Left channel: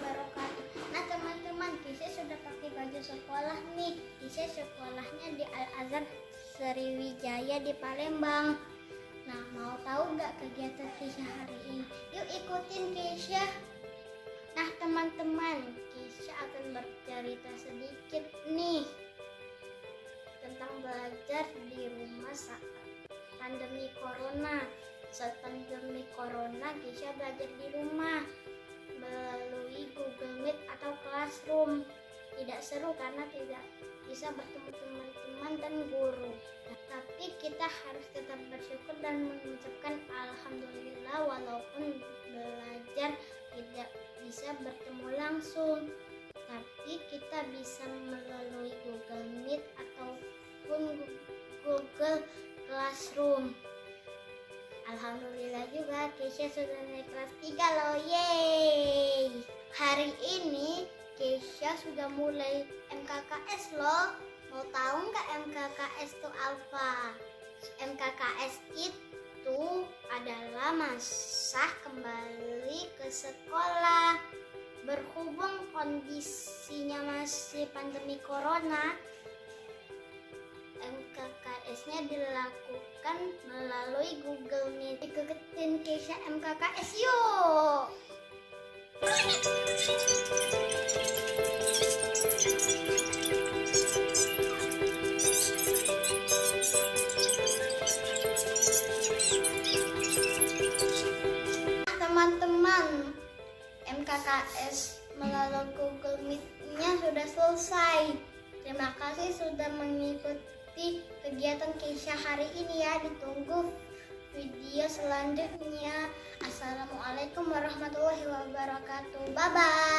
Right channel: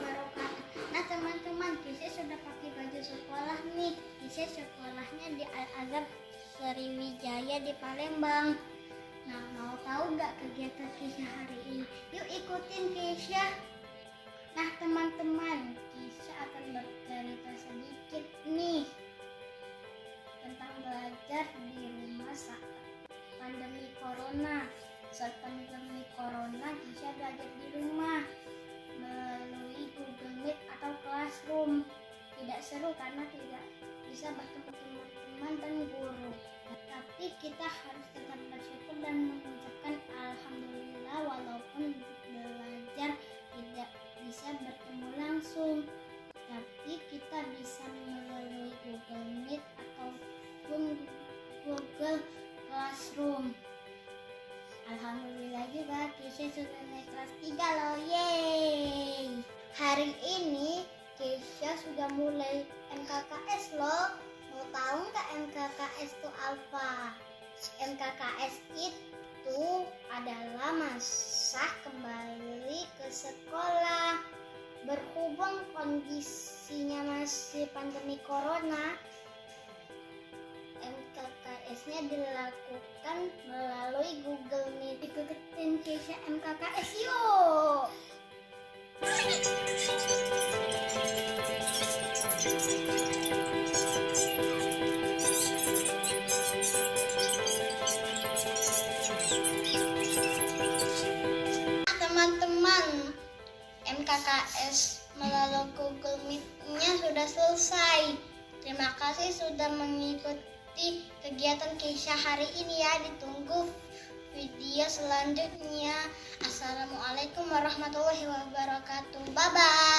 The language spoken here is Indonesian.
wabarakatuh. Nah teman-teman, Kisah sudah pakai baju sekolah nih. Kisah sekolahnya di Al-Azhar Sriwijaya di Palembang. Nah, mau tahu nggak kegiatan Kisah hari ini? Yuk ikutin Kisah. Nah teman-teman, Kisah akan bercerita sedikit nih tentang belajar di rumah saat pandemi corona. Saat pandemi corona, Kisah belajar di rumah melalui Google Meet atau Classroom. Tidak seru karena tidak bisa bertemu teman-teman dan guru. Tapi kita harus tetap bersyukur dan mengucapkan alhamdulillah walaupun belajar tidak bisa bertemu langsung. Tapi kita bisa melalui Google Meet ataupun Google Classroom. Alhamdulillah juga Kisah sudah naik kelas 3 loh, yeay. Hari ini Kisah sudah mulai MKKS loh. Mau tahu nggak MKKS itu apa? MKKS itu adalah masa kembali ke sekolah. Berhubung kondisinya masih pandemi corona, MKKS-nya dilakukan melalui Google Meet. Ikutin Kisah MKKS yuk! Teman-teman, MKKS melalui Google Meet-nya sudah selesai. Terima kasih sudah mengikuti kegiatan Kisah hari ini ya. Ditunggu video selanjutnya. Assalamualaikum warahmatullahi wabarakatuh. Bye-bye.